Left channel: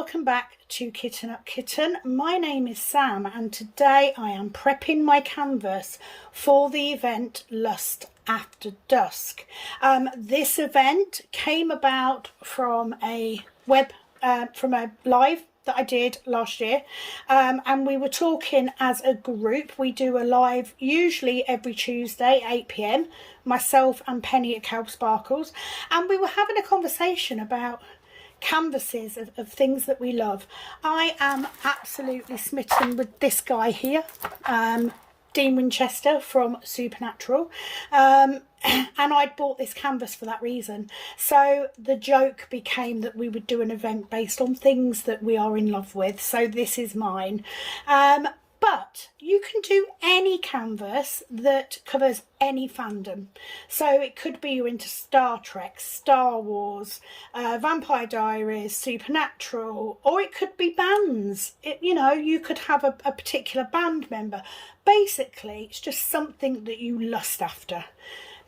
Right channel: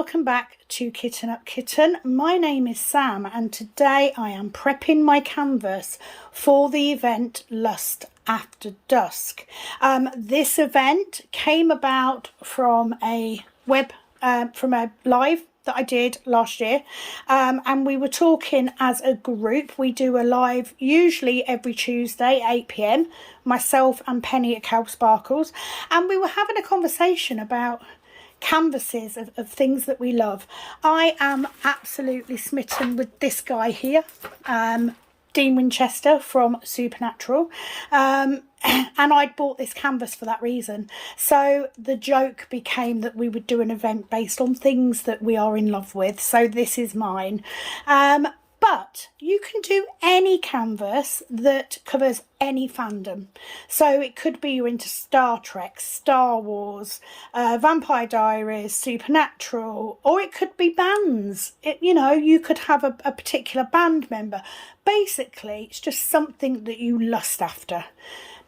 welcome back to Kitten Up Kitten. My name is Sam and today I am prepping my canvas for the event Lust After Dusk. This event came about from a live that I did last year, and we were talking as a group. We do a live usually every Tuesday 8 p.m, myself and Penny at Cow Sparkles, and we were having a conversation about canvases of things that we love. I am absolutely smitten with this guy here, Dean Winchester from Supernatural, and I'd bought this canvas for that reason. So the joke became that we would do an event based on things that we are in love with. So this is mine. But you can do any canvas that covers any fandom. So it could be you're into Star Trek, Star Wars, Vampire Diaries, Supernatural, or it could be bands. You could have a particular band member. Basically, it's just something that you lust after.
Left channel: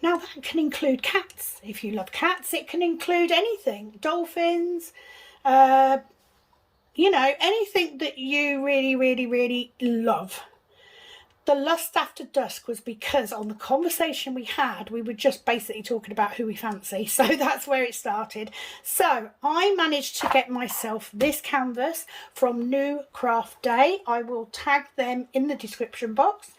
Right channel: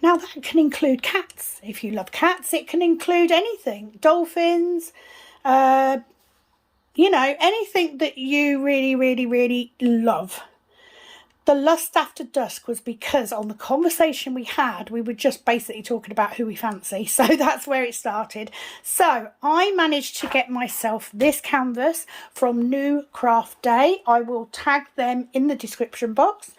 Now that can include cats. If you love cats, it can include anything. Dolphins, anything that you really love. The Lust After Dusk was because on the conversation we had, we were just basically talking about who we fancy. So that's where it started. So I managed to get myself this canvas from New Craft Day. I will tag them in the description box.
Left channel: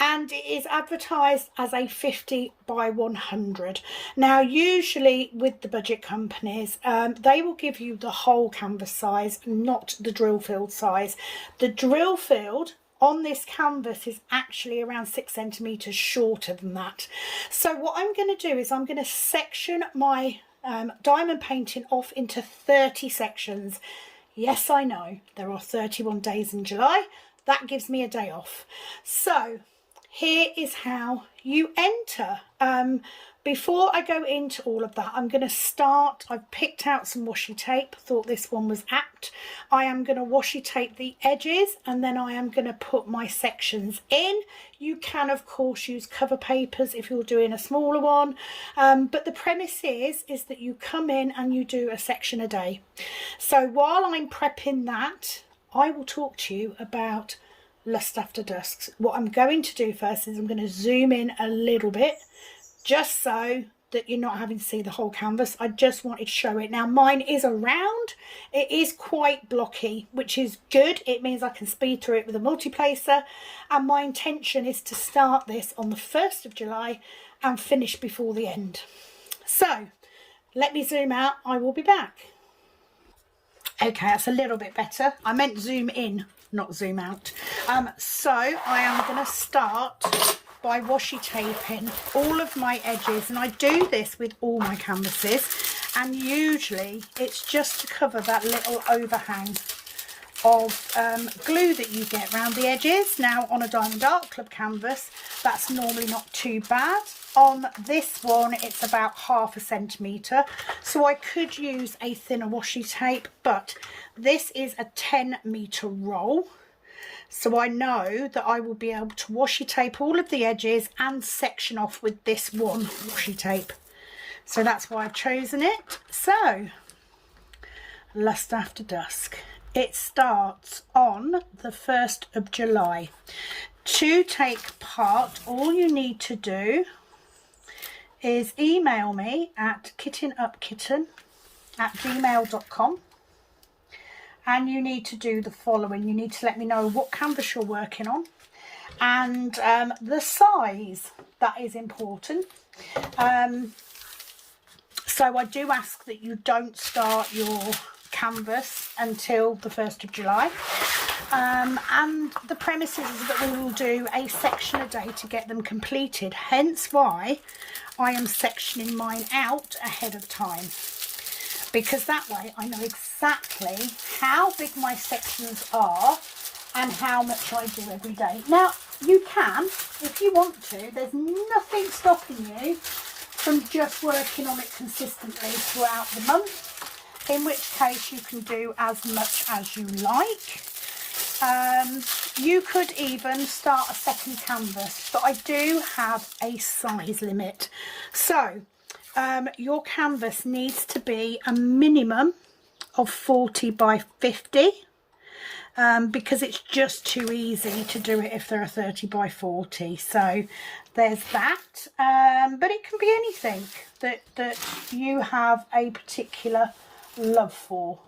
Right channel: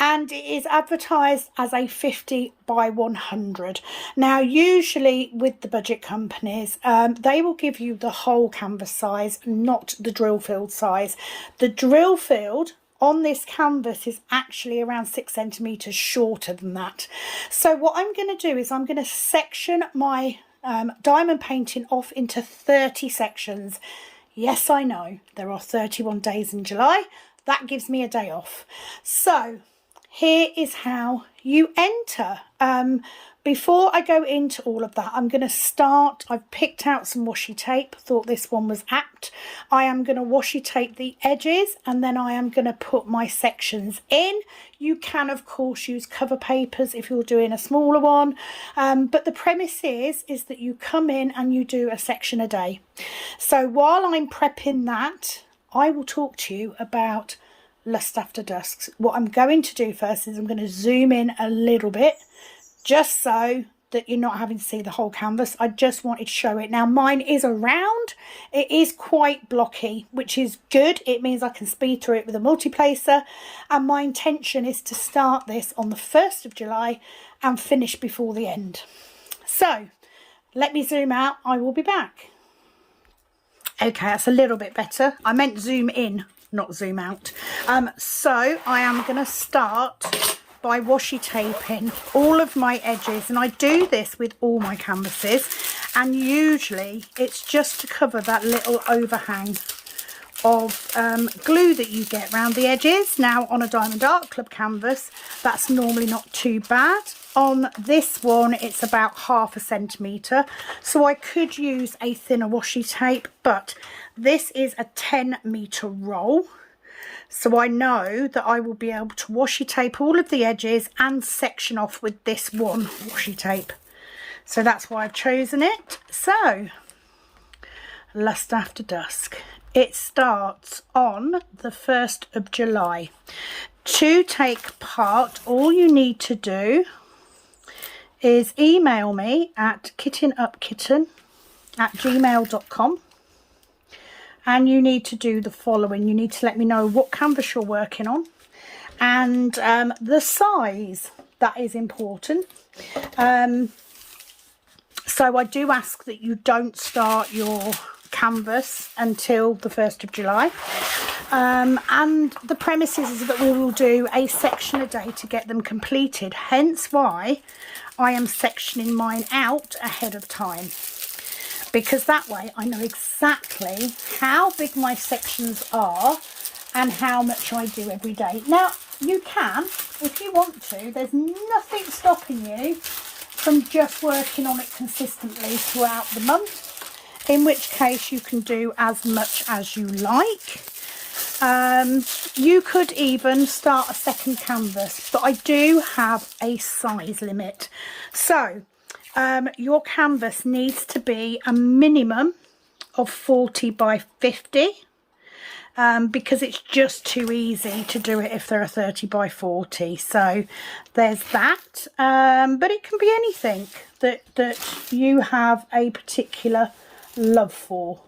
And it is advertised as a 50 by 100. Now, usually with the budget companies, they will give you the whole canvas size, not the drill field size. The drill field on this canvas is actually around 6 centimetres shorter than that. So what I'm going to do is I'm going to section my diamond painting off into 30 sections. Yes, I know there are 31 days in July. That gives me a day off. So here is how you enter. Before I go into all of that, I'm going to start. I've picked out some washi tape, thought this one was apt. I am going to washi tape the edges and then I am going to put my sections in. You can of course use cover papers if you're doing a smaller one, but the premise is that you come in and you do a section a day. So while I'm prepping that, I will talk to you about Lust After Dusk. What I'm going to do first is I'm going to zoom in a little bit just so that you're not having to see the whole canvas. I just wanted to show it. Now mine is a round. It is quite blocky, which is good. It means I can speed through it with a multiplacer, and my intention is to start this on the 1st of July and finish before the end. So let me zoom out. I will be back. Okay, that's a little bit better. I meant zoom in, not zoom out. So I am going to start by washi taping all of my edges, and I do this with all my canvases, and usually it's just to cover that little overhang of glue that you get around the edges. Now on a Diamond Art Club canvas that's normally not too bad. On this one it's about 1/2 centimetre, so I could use a thinner washi tape, but this is a 10-metre roll. So I know that I will be able to washi tape all of the edges and section off with this one washi tape. So that's why I've chosen it. So, Lust After Dusk. It starts on the 1st of July. To take part, all you need to do is email me at kittenupkitten@gmail.com. And you need to do the following. You need to let me know what canvas you're working on and the size. That is important. So I do ask that you don't start your canvas until the 1st of July. And the premise is that we will do a section a day to get them completed. Hence why I am sectioning mine out ahead of time, because that way I know exactly how big my sections are and how much I do every day. Now you can, if you want to, there's nothing stopping you from just working on it consistently throughout the month, in which case you can do as much as you like. You could even start a second canvas, but I do have a size limit. So your canvas needs to be a minimum of 40 by 50. Because it's just too easy to do it if they're a 30 by 40. So there's that. But it can be anything that you have a particular love for.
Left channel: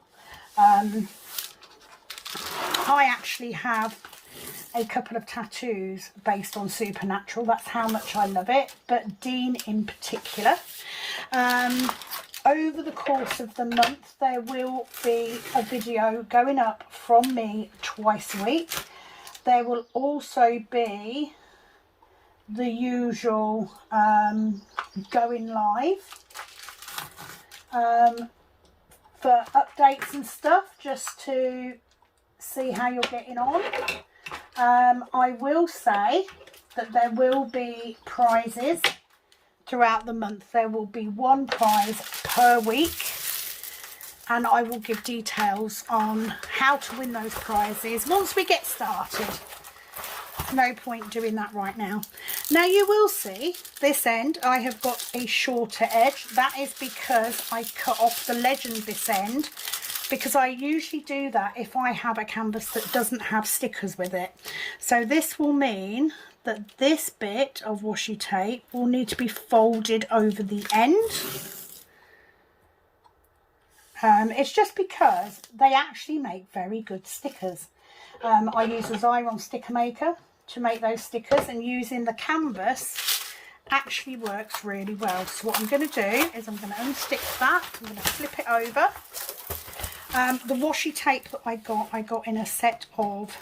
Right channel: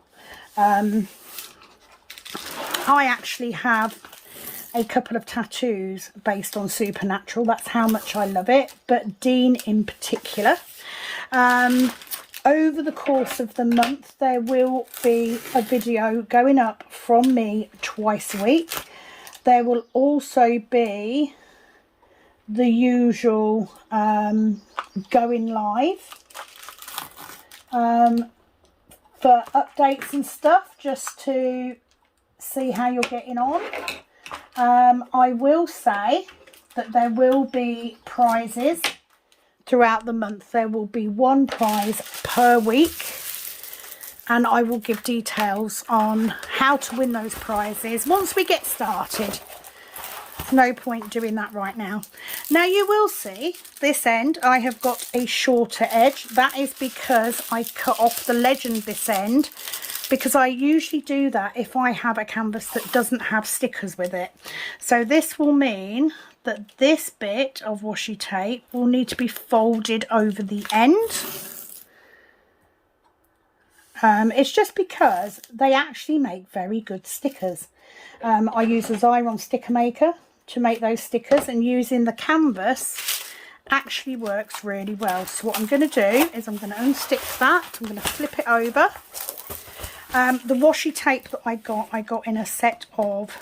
I actually have a couple of tattoos based on Supernatural. That's how much I love it. But Dean in particular. Over the course of the month, there will be a video going up from me twice a week. There will also be the usual going live for updates and stuff, just to see how you're getting on. I will say that there will be prizes throughout the month. There will be one prize per week, and I will give details on how to win those prizes once we get started. No point doing that right now. Now you will see this end I have got a shorter edge. That is because I cut off the legend this end, because I usually do that if I have a canvas that doesn't have stickers with it. So this will mean that this bit of washi tape will need to be folded over the end. It's just because they actually make very good stickers. I use a Xyron sticker maker to make those stickers, and using the canvas actually works really well. So what I'm going to do is I'm going to unstick that. I'm going to flip it over. The washi tape that I got in a set of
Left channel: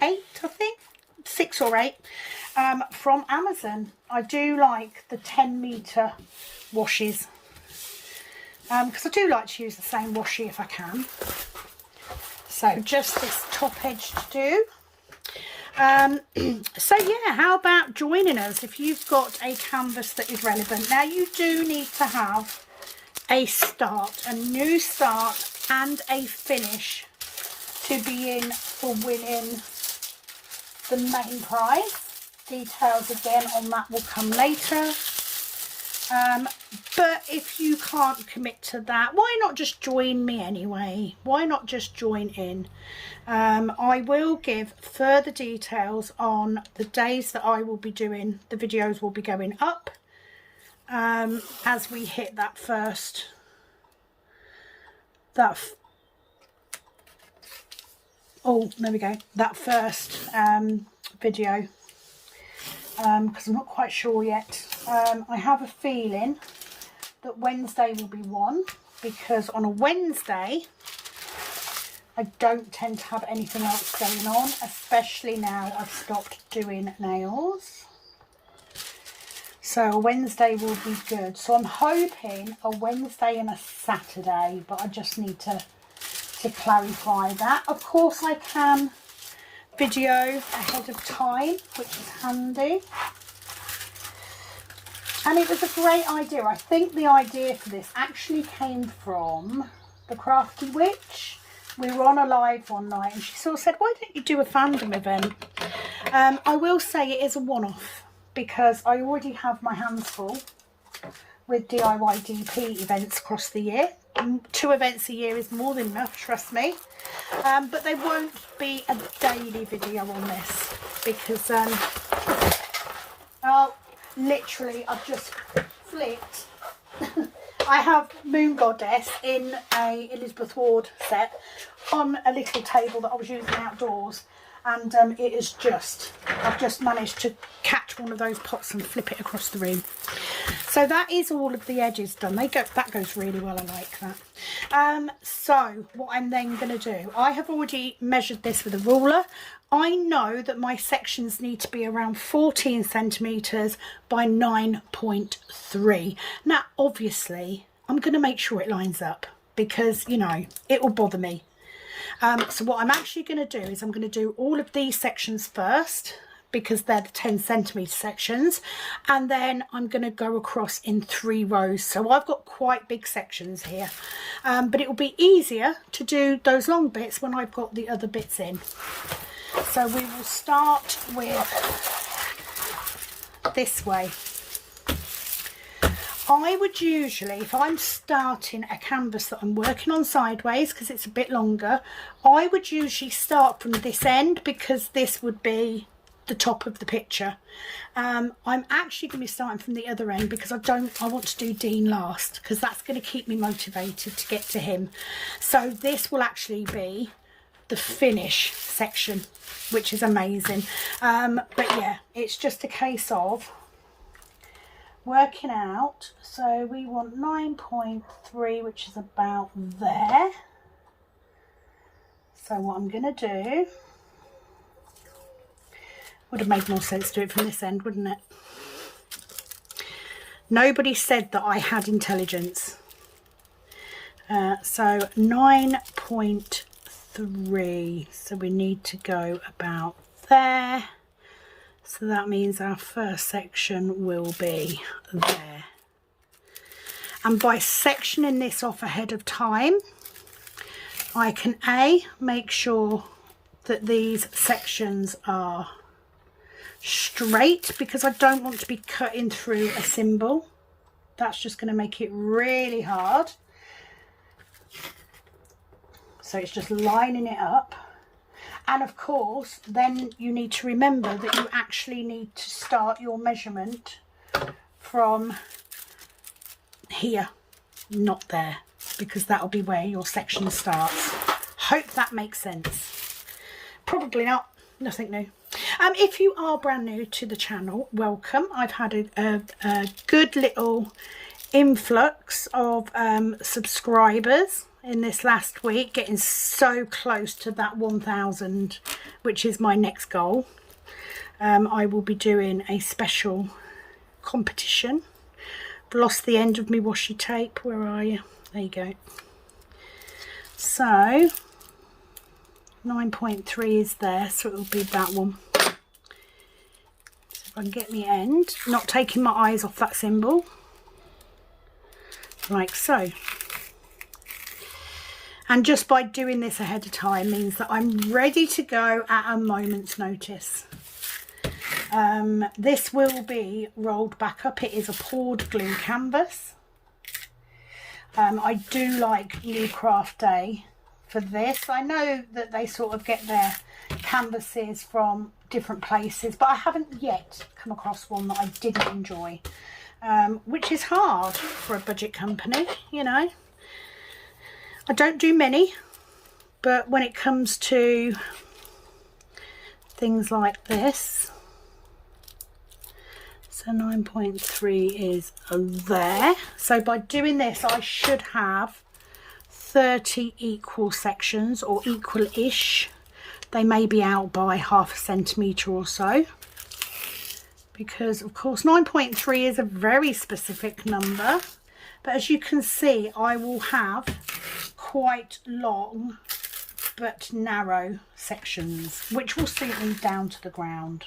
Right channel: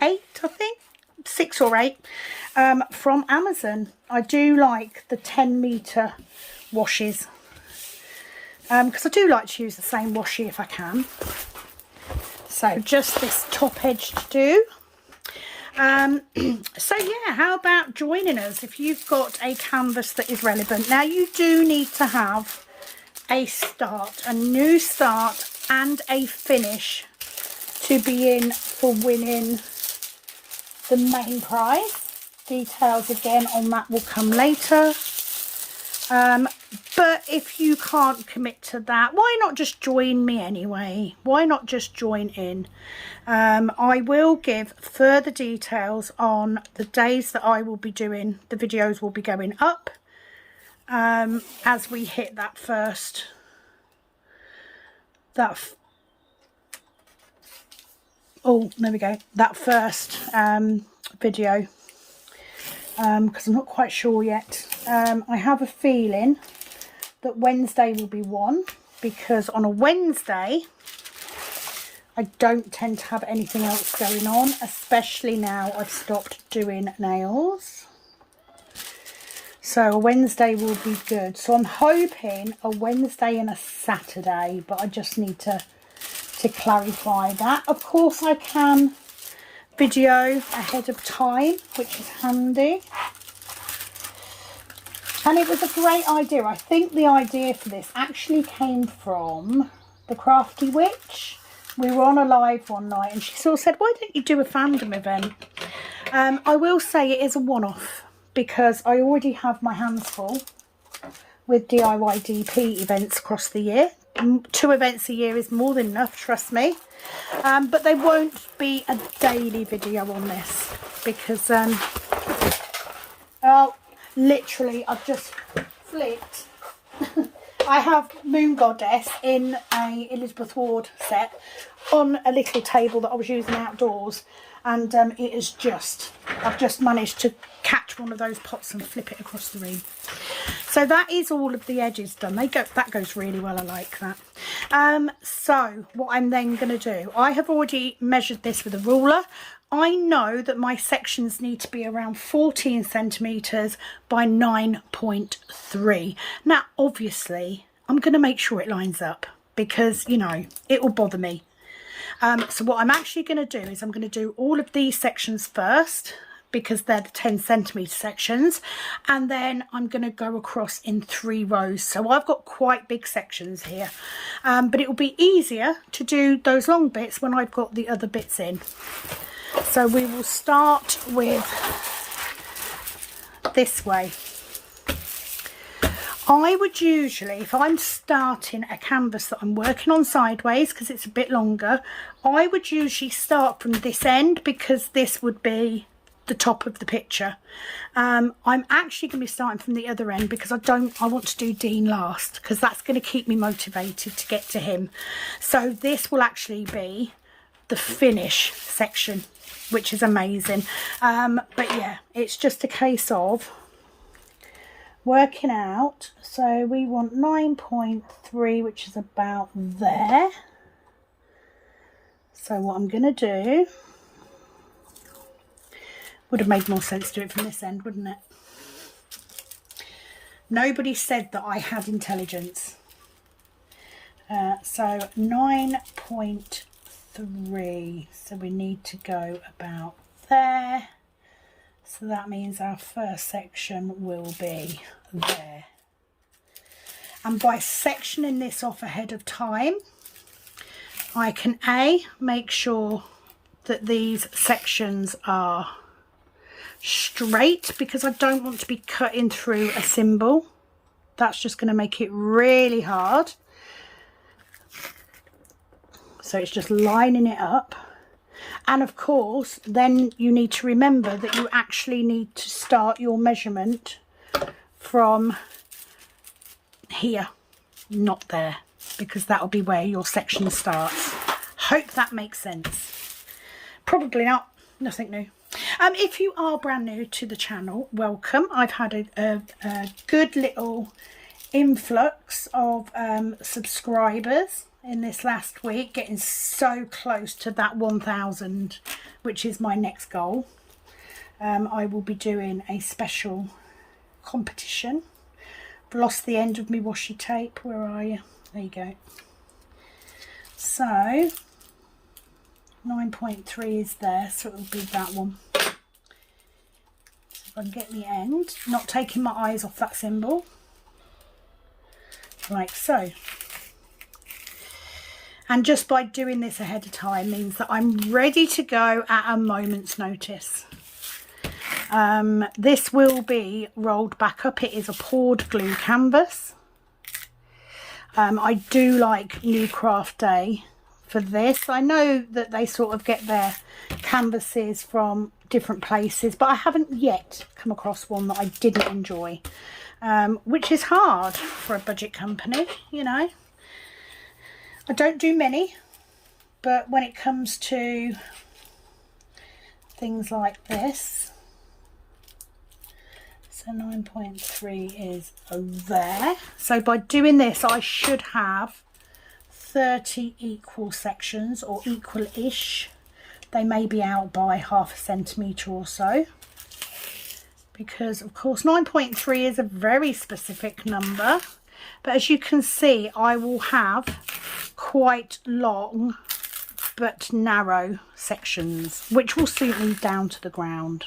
8, I think. 6 or 8 from Amazon. I do like the 10-meter washes because I do like to use the same washi if I can. So just this top edge to do. So yeah, how about joining us if you've got a canvas that is relevant. Now you do need to have a start, a new start and a finish to be in for winning the main prize. Details again on that will come later. But if you can't commit to that, why not just join me anyway? Why not just join in? I will give further details on the days that I will be doing. The videos will be going up as we hit that first that first video, because I'm not quite sure yet. I have a feeling that Wednesday will be one, because on a Wednesday I don't tend to have anything else going on, especially now I've stopped doing nails. So a Wednesday will be good. So I'm hoping a Wednesday and a Saturday, but I just need to clarify that. Of course I can video ahead of time, which is handy. And it was a great idea. I think the idea for this actually came from the Crafty Witch. We were on a live one night and she sort of said, why don't you do a fandom event? I will say it is a one-off because I already have my hands full with DIY DP events across the year. 2 events a year is more than enough, trust me. But there won't be a daily video on this because literally I've just flipped. I have Moon Goddess in a Elizabeth Ward set on a little table that I was using outdoors, and it is just, I've just managed to catch one of those pots and flip it across the room. So that is all of the edges done. That goes really well. I like that. So what I'm then going to do, I have already measured this with a ruler. I know that my sections need to be around 14 centimetres by 9.3. Now, obviously, I'm going to make sure it lines up because, you know, it will bother me. So what I'm actually going to do is I'm going to do all of these sections first because they're the 10 centimetre sections, and then I'm going to go across in 3 rows. So I've got quite big sections here, but it will be easier to do those long bits when I've got the other bits in. So we will start with this way. I would usually, if I'm starting a canvas that I'm working on sideways, because it's a bit longer, I would usually start from this end, because this would be the top of the picture. I'm actually going to be starting from the other end, because I want to do Dean last, because that's going to keep me motivated to get to him. So this will actually be the finish section, which is amazing. But yeah, it's just a case of working out. So we want 9.3, which is about there. So what I'm going to do, would have made more sense to do it from this end, wouldn't it? Nobody said that I had intelligence. So 9.3, so we need to go about there. So that means our first section will be there. And by sectioning this off ahead of time, I can make sure that these sections are straight, because I don't want to be cutting through a symbol. That's just going to make it really hard. So it's just lining it up. And of course, then you need to remember that you actually need to start your measurement from here, not there, because that'll be where your section starts. Hope that makes sense. Probably not. Nothing new. If you are brand new to the channel, welcome. I've had a good little influx of subscribers in this last week, getting so close to that 1,000, which is my next goal. I will be doing a special competition. I've lost the end of my washi tape. Where are you? There you go. So 9.3 is there, so it will be that one. So if I can get the end, not taking my eyes off that symbol, like so. And just by doing this ahead of time means that I'm ready to go at a moment's notice. This will be rolled back up. It is a poured glue canvas. I do like New Craft Day for this. I know that they sort of get their canvases from different places, but I haven't yet come across one that I didn't enjoy, which is hard for a budget company, you know. I don't do many, but when it comes to things like this, so 9.3 is there. So by doing this, I should have 30 equal sections, or equal-ish. They may be out by ½ centimetre or so, because of course 9.3 is a very specific number. But as you can see, I will have quite long but narrow sections, which will suit me down to the ground.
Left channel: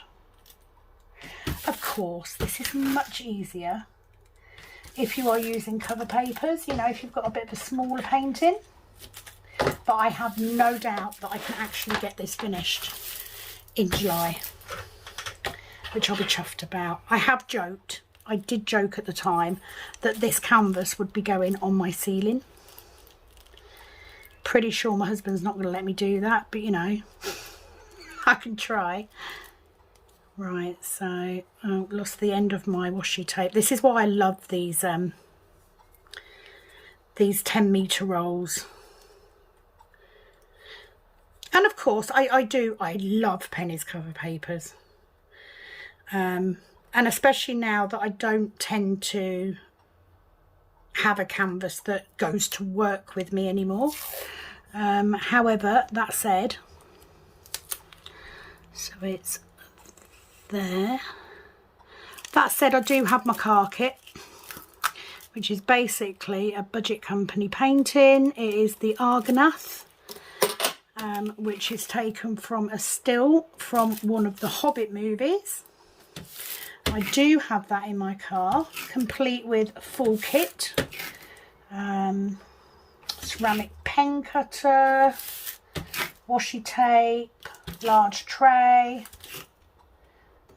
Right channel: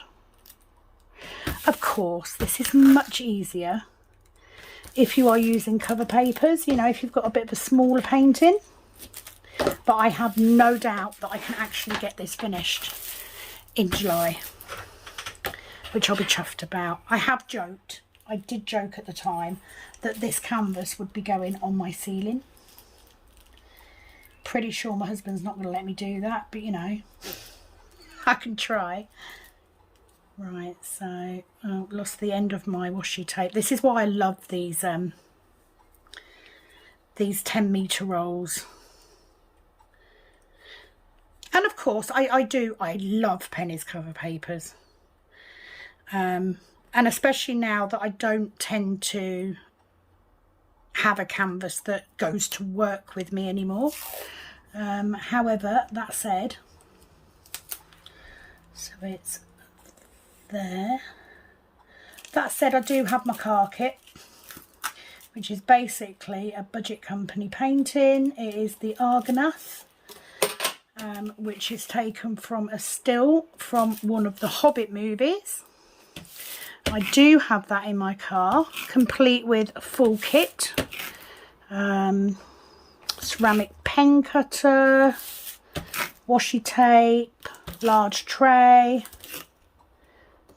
Of course, this is much easier if you are using cover papers, you know, if you've got a bit of a smaller painting. But I have no doubt that I can actually get this finished in July, which I'll be chuffed about. I did joke at the time that this canvas would be going on my ceiling. Pretty sure my husband's not going to let me do that, but you know, I can try. Right, so I've lost the end of my washi tape. This is why I love these 10-metre rolls. And of course, I love Penni's cover papers. And especially now that I don't tend to have a canvas that goes to work with me anymore. However, that said, so it's there. That said, I do have my car kit, which is basically a budget company painting. It is the Argonath, which is taken from a still from one of the Hobbit movies. I do have that in my car, complete with a full kit. Ceramic pen cutter, washi tape, large tray,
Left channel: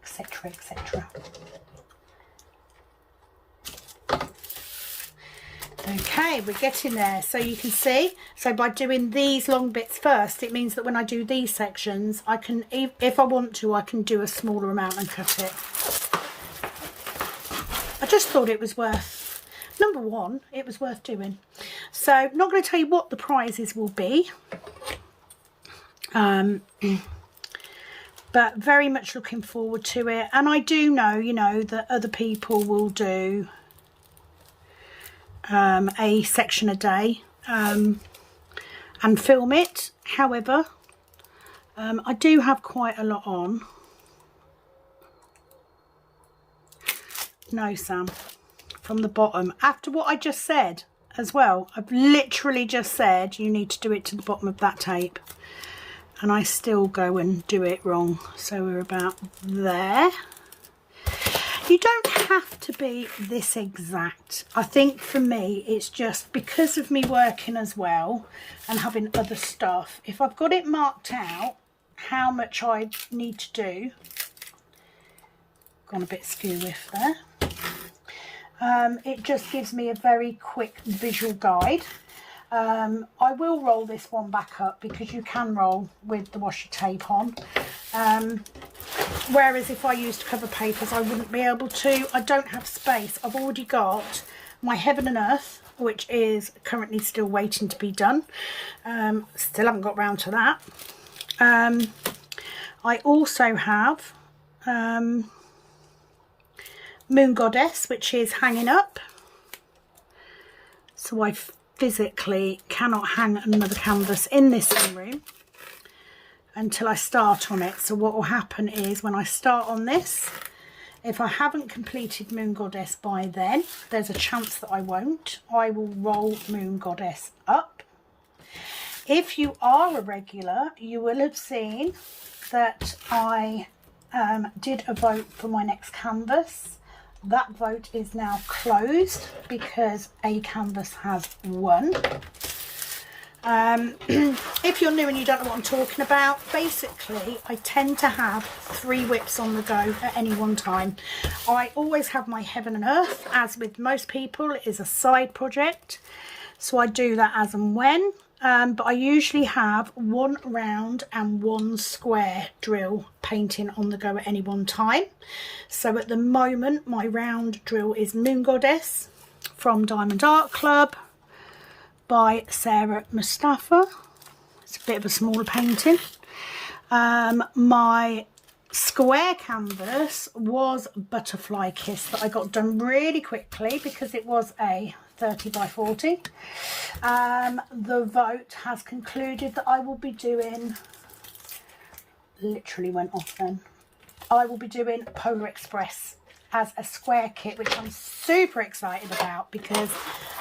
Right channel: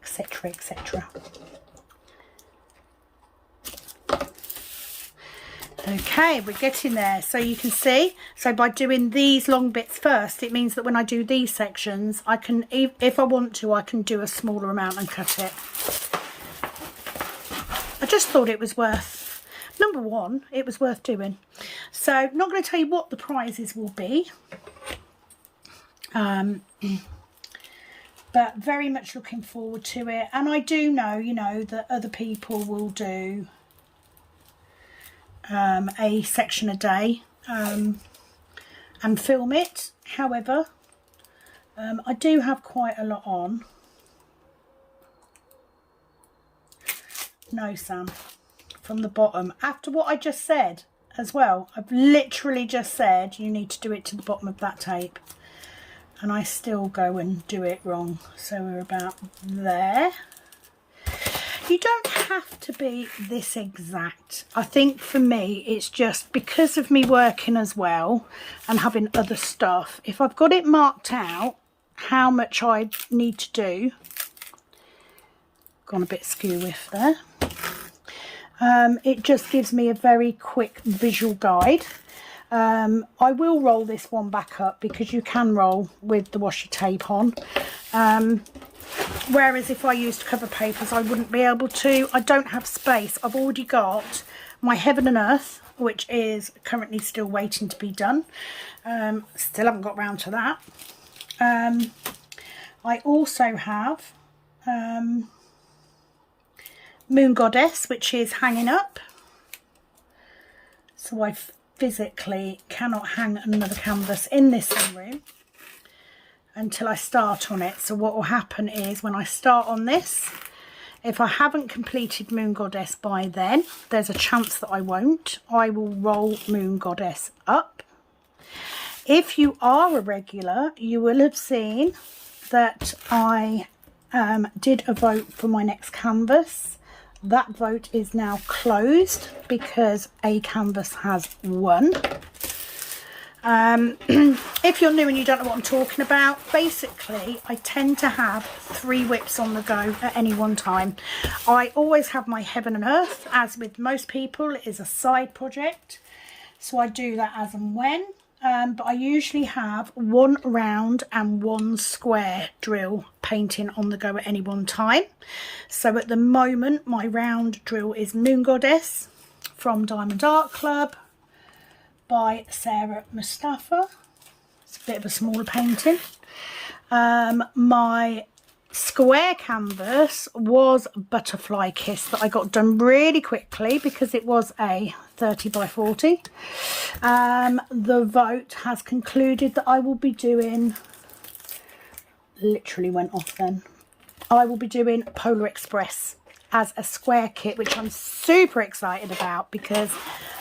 etc, etc. Okay, we're getting there. So you can see, so by doing these long bits first, it means that when I do these sections, I can, if I want to, I can do a smaller amount and cut it. I just thought it was worth, number one, it was worth doing. So I'm not going to tell you what the prizes will be. But very much looking forward to it. And I do know, you know, that other people will do a section a day and film it. However, I do have quite a lot on. No, Sam, from the bottom. After what I just said as well, I've literally just said you need to do it to the bottom of that tape. And I still go and do it wrong. So we're about there. You don't have to be this exact. I think for me, it's just because of me working as well and having other stuff. If I've got it marked out, how much I need to do. Gone a bit skew with there. It just gives me a very quick visual guide. I will roll this one back up because you can roll with the washi tape on. Whereas if I used cover papers, I wouldn't be able to. I don't have space. I've already got my Heaven and Earth, which is currently still waiting to be done. Still haven't got round to that. I also have Moon Goddess, which is hanging up. So I physically cannot hang another canvas in this same room until I start on it. So what will happen is when I start on this, if I haven't completed Moon Goddess by then, there's a chance that I won't. I will roll Moon Goddess up. If you are a regular, you will have seen that I did a vote for my next canvas. That vote is now closed because a canvas has won. If you're new and you don't know what I'm talking about, basically I tend to have 3 whips on the go at any one time. I always have my Heaven and Earth, as with most people, it is a side project. So I do that as and when. But I usually have 1 round and 1 square drill painting on the go at any one time. So at the moment, my round drill is Moon Goddess from Diamond Art Club by Sarah Mustafa. It's a bit of a smaller painting. My square canvas was Butterfly Kiss that I got done really quickly because it was a 30 by 40. The vote has concluded that I will be doing, literally went off then, I will be doing Polar Express as a square kit, which I'm super excited about because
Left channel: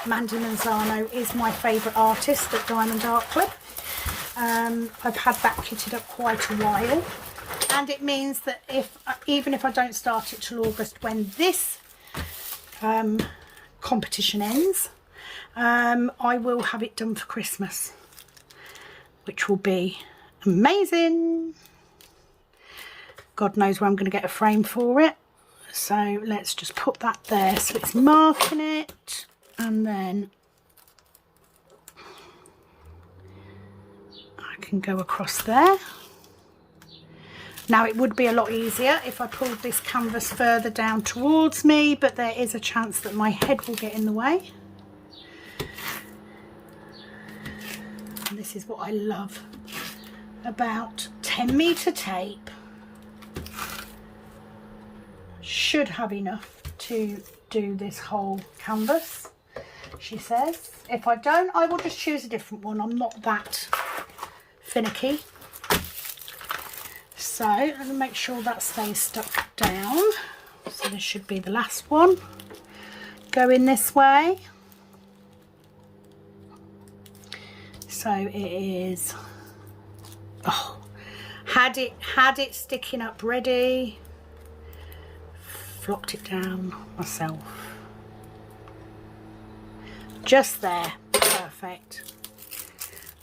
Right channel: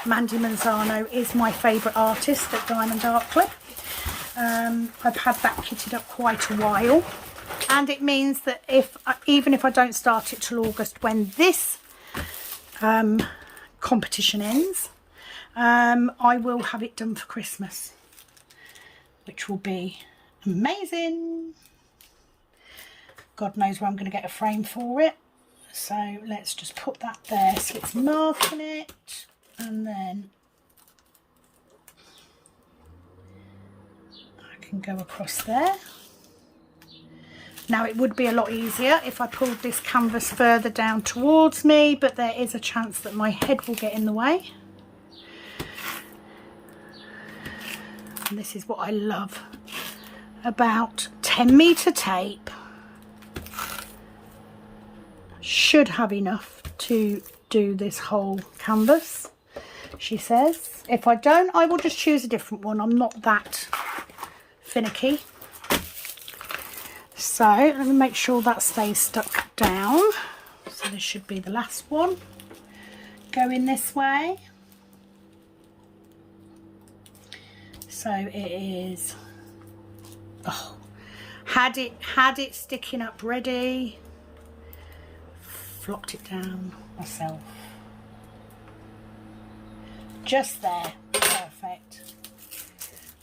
Mandy Manzano is my favourite artist at Diamond Art Club. I've had that kitted up quite a while, and it means that even if I don't start it till August when this competition ends, I will have it done for Christmas, which will be amazing. God knows where I'm going to get a frame for it. So let's just put that there so it's marking it, and then I can go across there. Now it would be a lot easier if I pulled this canvas further down towards me, but there is a chance that my head will get in the way. And this is what I love about 10-metre tape. Should have enough to do this whole canvas, she says. If I don't, I will just choose a different one. I'm not that finicky. So let me make sure that stays stuck down. So this should be the last one. Going this way. So it is, oh, had it sticking up ready. Flopped it down myself. Just there. Perfect.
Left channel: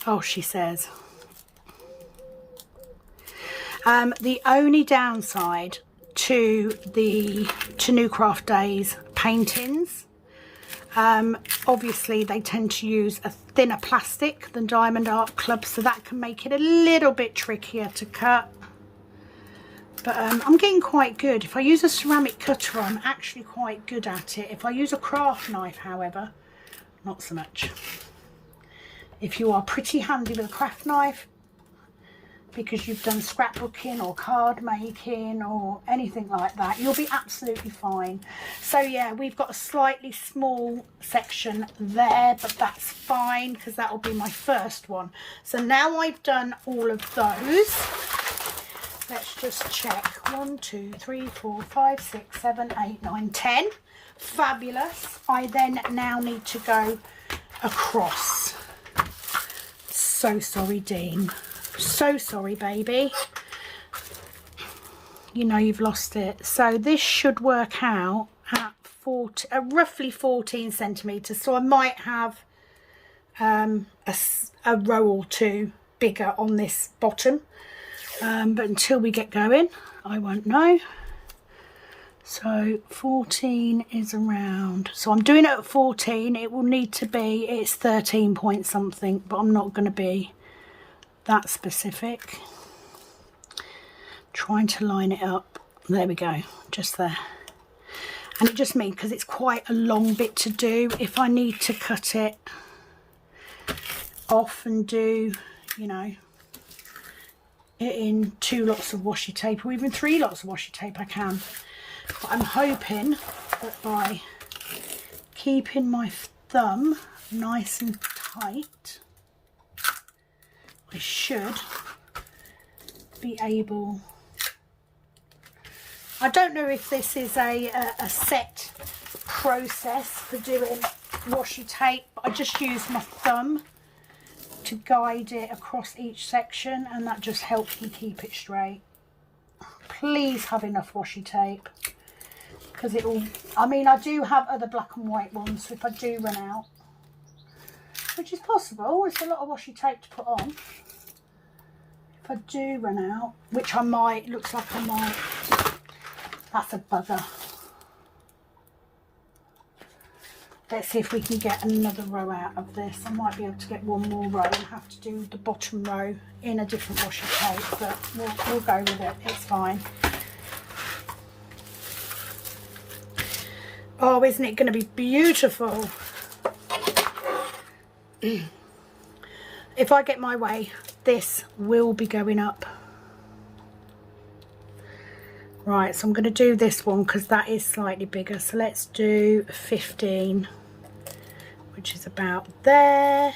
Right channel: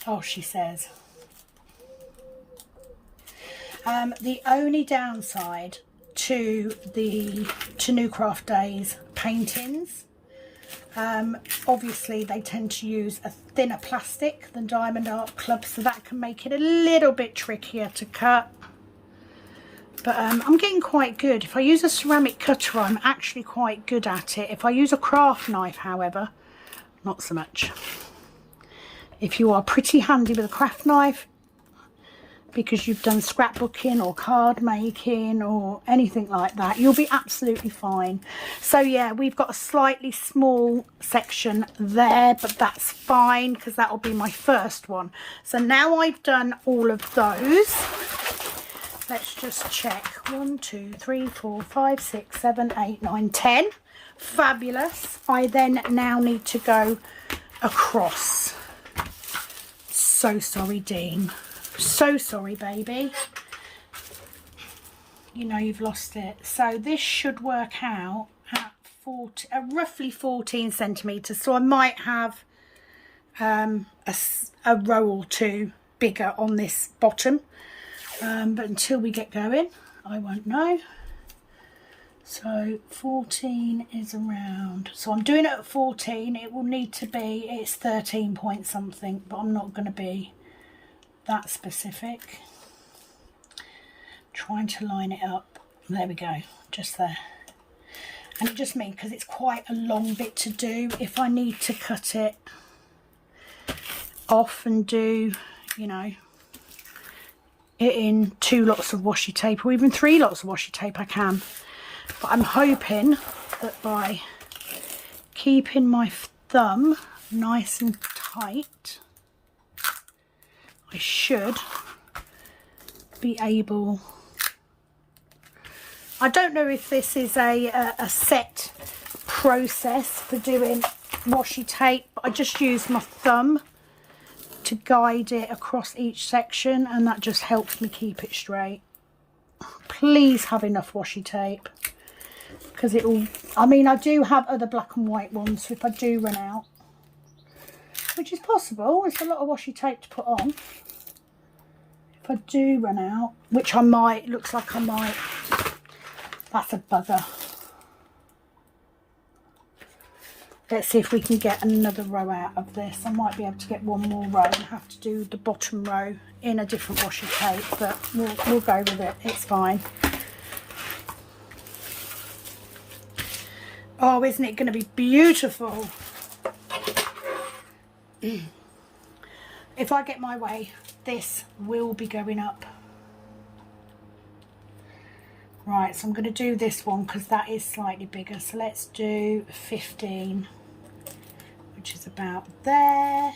Oh, she says. The only downside to New Craft Days paintings Obviously they tend to use a thinner plastic than diamond art clubs, so that can make it a little bit trickier to cut. But I'm getting quite good. If I use a ceramic cutter, I'm actually quite good at it. If I use a craft knife, however, not so much. If you are pretty handy with a craft knife, because you've done scrapbooking or card making or anything like that, you'll be absolutely fine. So yeah, we've got a slightly small section there, but that's fine because that will be my first one. So now I've done all of those. Let's just check. 1, 2, 3, 4, 5, 6, 7, 8, 9, 10. Fabulous. I then now need to go across. So sorry, Dean. So sorry, baby. You know you've lost it. So this should work out at roughly 14 centimetres. So I might have a row or two bigger on this bottom. But until we get going, I won't know. So 14 is around. So I'm doing it at 14. It will need to be, it's 13 point something, but I'm not going to be that specific. Trying to line it up. There we go, just there. And it just means, because it's quite a long bit to do, if I need to cut it off and do, you know, it in 2 lots of washi tape or even 3 lots of washi tape, I can. But I'm hoping that by keeping my thumb nice and tight, I should be able. I don't know if this is a set process for doing washi tape, but I just use my thumb to guide it across each section, and that just helps me keep it straight. Please have enough washi tape, because it will, I mean, I do have other black and white ones, so if I do run out, which is possible, it's a lot of washi tape to put on. If I do run out, which I might, looks like I might, that's a bugger. Let's see if we can get another row out of this. I might be able to get one more row and have to do the bottom row in a different washi tape, but we'll go with it. It's fine. Oh, isn't it going to be beautiful? If I get my way, this will be going up. Right, so I'm going to do this one because that is slightly bigger. So let's do 15, which is about there.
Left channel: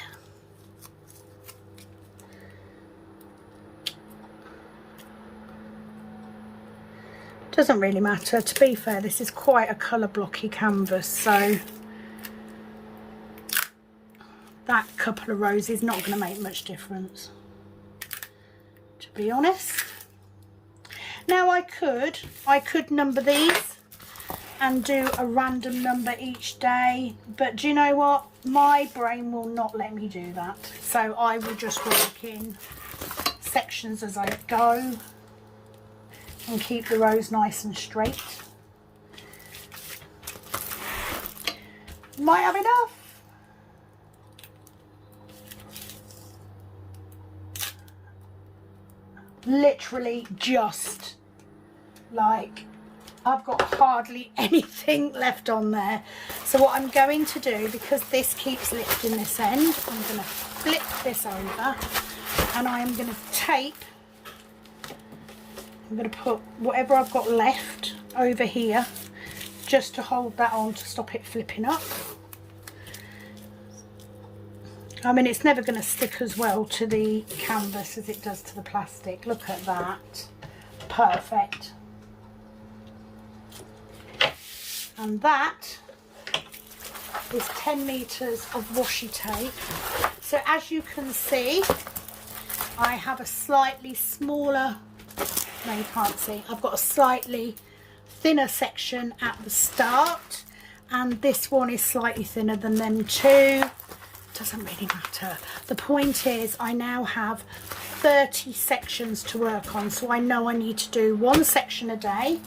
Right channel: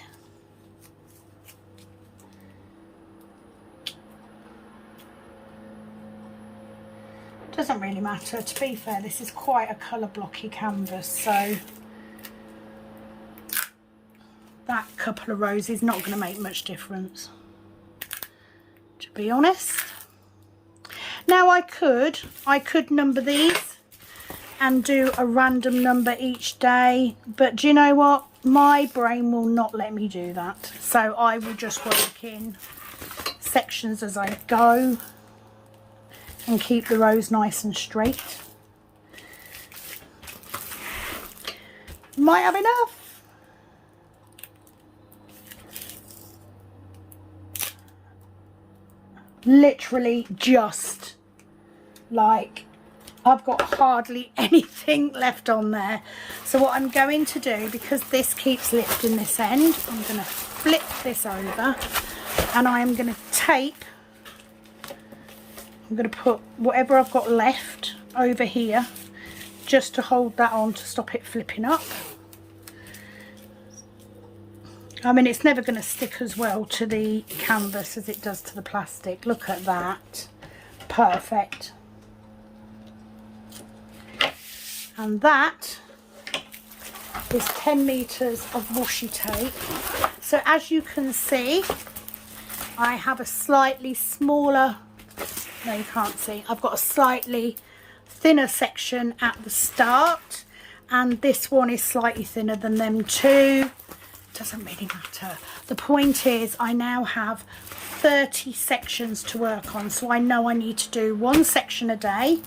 Doesn't really matter. To be fair, this is quite a colour blocky canvas, so that couple of rows is not going to make much difference, to be honest. Now I could number these and do a random number each day, but do you know what? My brain will not let me do that. So I will just work in sections as I go and keep the rows nice and straight. Might have enough. Literally just like, I've got hardly anything left on there. So what I'm going to do, because this keeps lifting this end, I'm going to flip this over and I'm going to tape, I'm going to put whatever I've got left over here just to hold that on to stop it flipping up. I mean, it's never going to stick as well to the canvas as it does to the plastic. Look at that. Perfect. And that is 10 meters of washi tape. So as you can see, I have a slightly smaller, no you can't see, I've got a slightly thinner section at the start, and this one is slightly thinner than them two. Doesn't really matter. The point is I now have 30 sections to work on, so I know I need to do one section a day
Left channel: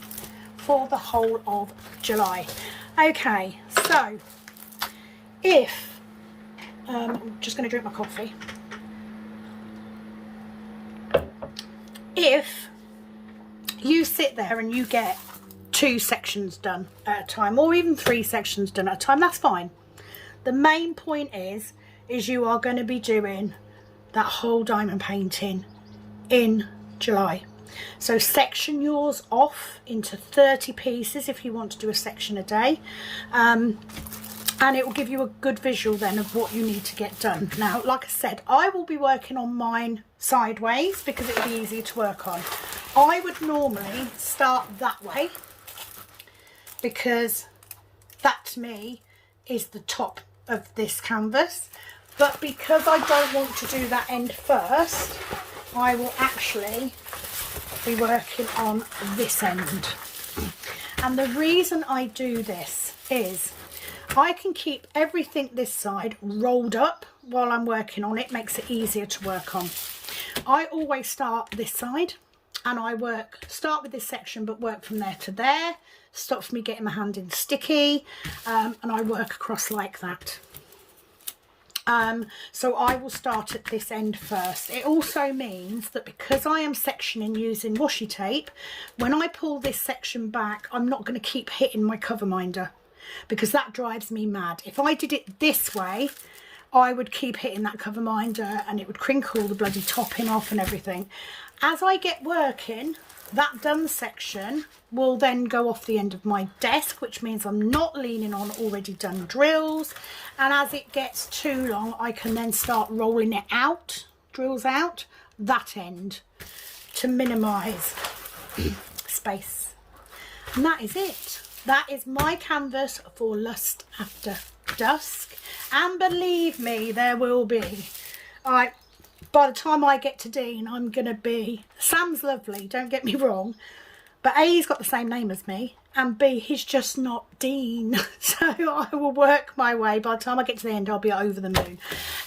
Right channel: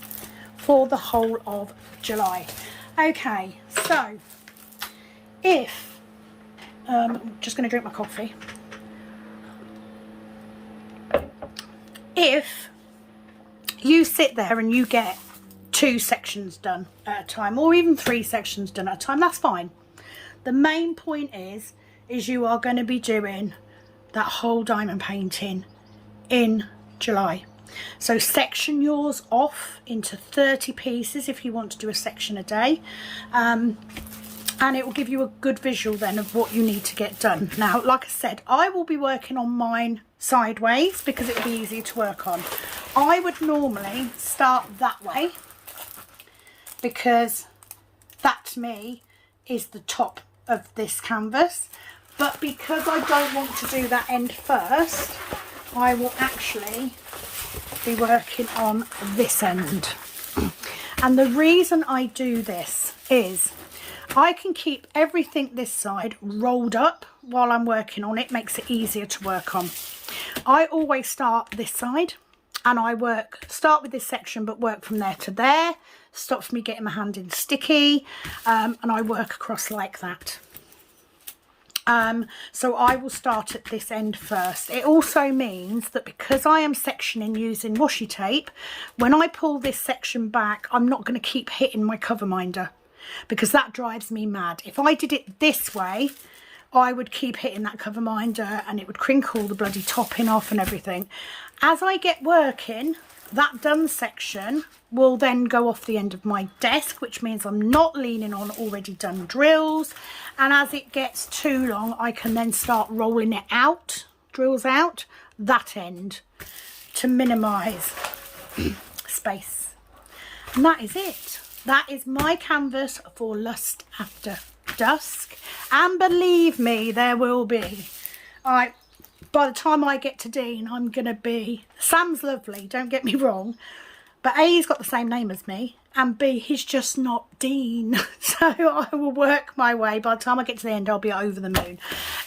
for the whole of July. Okay, so if, I'm just going to drink my coffee. If you sit there and you get 2 sections done at a time, or even 3 sections done at a time, that's fine. The main point is you are going to be doing that whole diamond painting in July. So section yours off into 30 pieces if you want to do a section a day, and it will give you a good visual then of what you need to get done. Now, like I said, I will be working on mine sideways because it will be easier to work on. I would normally start that way because that to me is the top of this canvas, but because I don't want to do that end first, I will actually be working on this end. And the reason I do this is I can keep everything this side rolled up while I'm working on it. Makes it easier to work on. I always start this side and I start with this section but work from there to there. Stops me getting my hand in sticky, and I work across like that. So I will start at this end first. It also means that because I am sectioning using washi tape, when I pull this section back, I'm not going to keep hitting my cover minder because that drives me mad. If I did it this way, I would keep hitting that cover minder and it would crinkle the bloody topping off and everything. As I get working, that done section will then go off the end of my desk, which means I'm not leaning on already done drills. And as it gets too long, I can then start rolling it out, drills out, that end to minimise space. And that is it. That is my canvas for Lust After Dusk. And believe me, there will be. By the time I get to Dean, I'm going to be... Sam's lovely, don't get me wrong. But A, he's got the same name as me. And B, he's just not Dean. So I will work my way. By the time I get to the end, I'll be over the moon.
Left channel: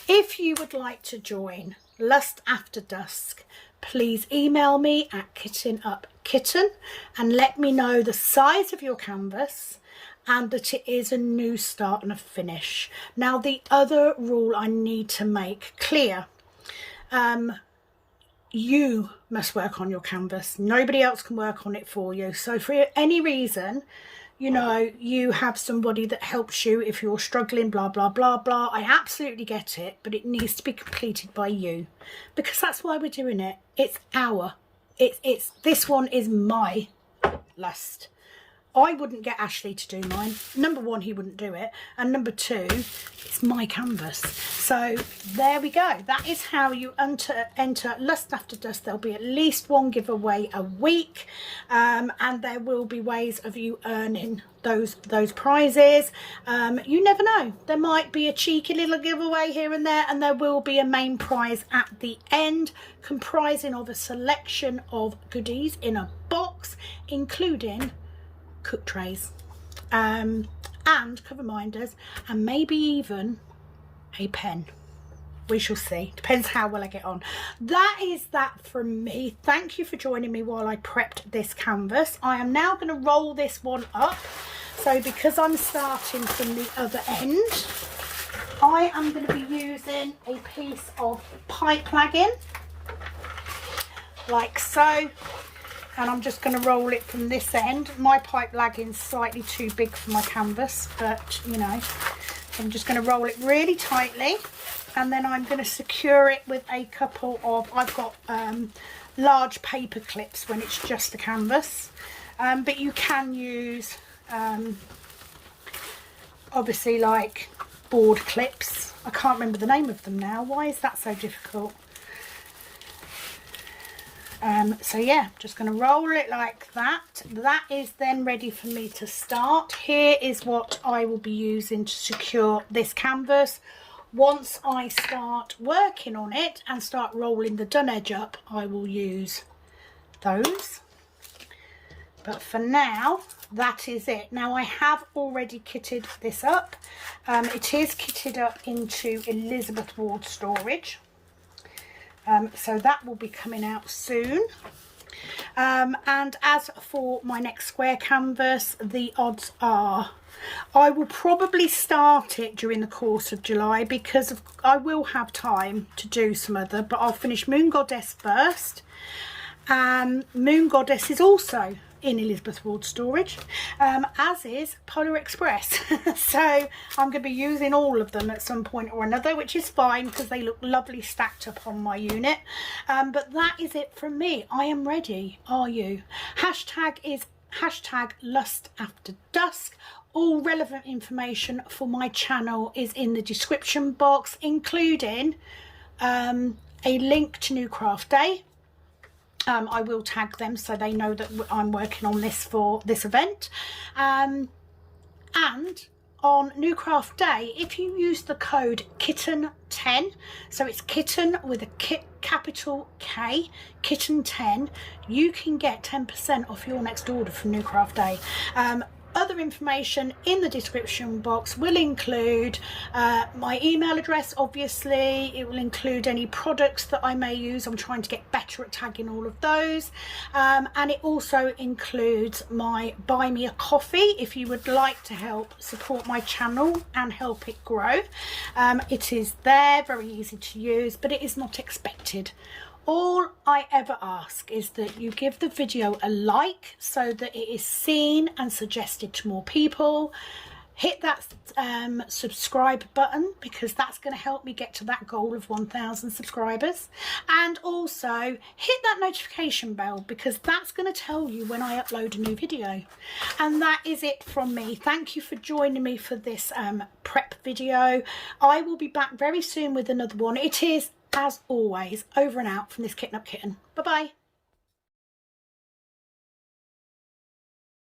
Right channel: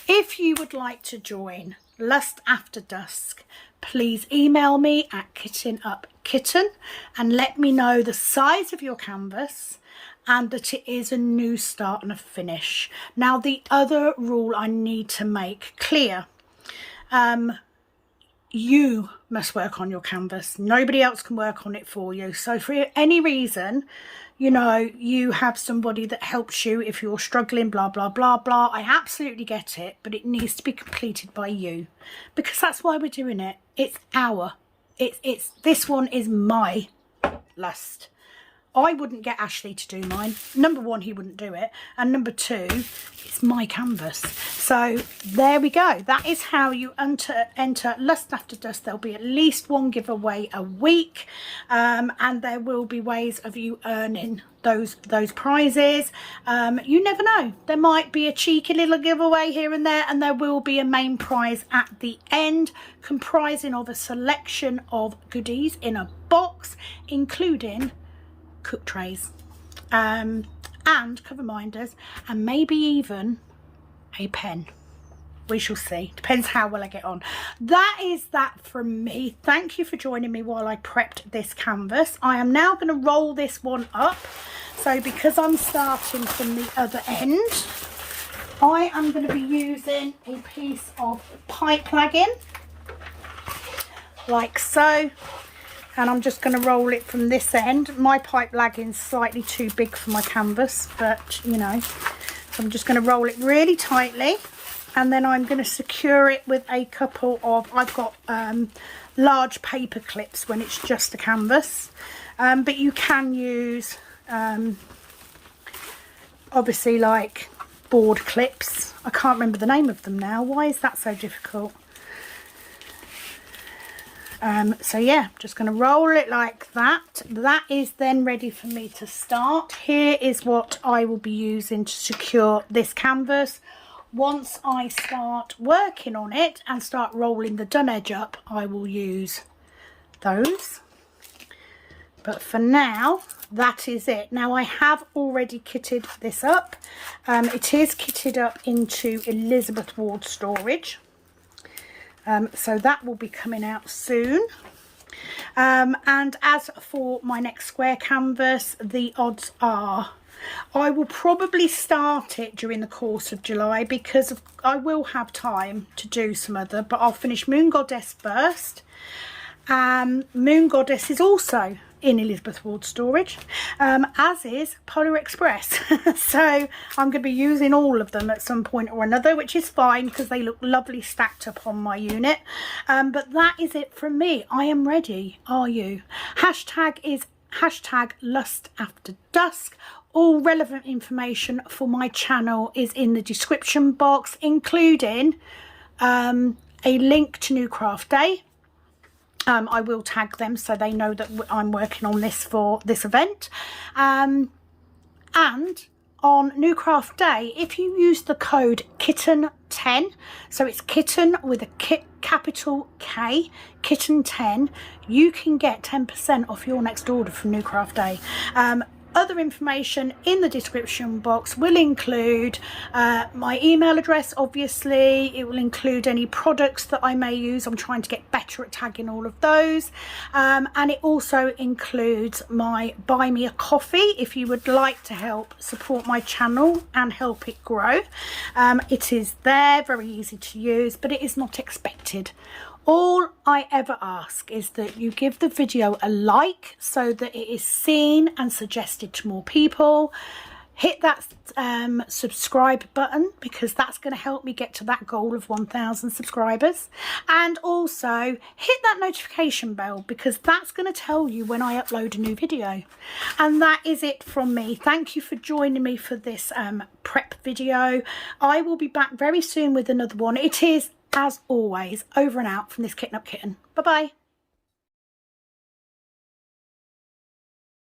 If you would like to join Lust After Dusk, please email me at kittenupkitten and let me know the size of your canvas and that it is a new start and a finish. Now, the other rule I need to make clear... you must work on your canvas. Nobody else can work on it for you. So for any reason, you know, you have somebody that helps you if you're struggling, blah, blah, blah, blah. I absolutely get it, but it needs to be completed by you because that's why we're doing it. It's this one is my lust. I wouldn't get Ashley to do mine. Number one, he wouldn't do it. And number two, it's my canvas. So there we go. That is how you enter Lust After Dusk. There'll be at least one giveaway a week. And there will be ways of you earning those prizes. You never know. There might be a cheeky little giveaway here and there. And there will be a main prize at the end, comprising of a selection of goodies in a box, including... cook trays and cover minders and maybe even a pen. We shall see. Depends how well I get on. That is that from me. Thank you for joining me while I prepped this canvas. I am now going to roll this one up. So because I'm starting from the other end, I am going to be using a piece of pipe lagging like so. And I'm just going to roll it from this end. My pipe lagging's slightly too big for my canvas, but you know, I'm just going to roll it really tightly, and then I'm going to secure it with a couple of, I've got large paper clips when it's just a canvas, but you can use obviously like board clips. I can't remember the name of them now. Why is that so difficult? So yeah, just going to roll it like that. That is then ready for me to start. Here is what I will be using to secure this canvas. Once I start working on it and start rolling the done edge up, I will use those. But for now, that is it. Now I have already kitted this up. It is kitted up into Elizabeth Ward storage. So that will be coming out soon. And as for my next square canvas, the odds are I will probably start it during the course of July, because I will have time to do some other, but I'll finish Moon Goddess first. Moon Goddess is also in Elizabeth Ward storage, as is Polar Express. So I'm going to be using all of them at some point or another, which is fine because they look lovely stacked up on my unit. But that is it from me. I am ready. Are you? Hashtag is hashtag lustafterdusk. All relevant information for my channel is in the description box, including a link to New Craft Day. I will tag them so they know that I'm working on this for this event. And on New Craft Day, if you use the code kitten10, so it's kitten with a capital K, kitten10, you can get 10% off your next order from New Craft Day. Other information in the description box will include my email address, obviously. It will include any products that I may use. I'm trying to get better at tagging all of those. And it also includes my Buy Me a Coffee if you would like to help support my channel and help it grow. It is there, very easy to use, but it is not expected. All I ever ask is that you give the video a like so that it is seen and suggested to more people. Hit that subscribe button, because that's going to help me get to that goal of 1,000 subscribers. And also hit that notification bell, because that's going to tell you when I upload a new video. And that is it from me. Thank you for joining me for this prep video. I will be back very soon with another one. It is, as always, over and out from this Kitten Up Kitten. Bye bye.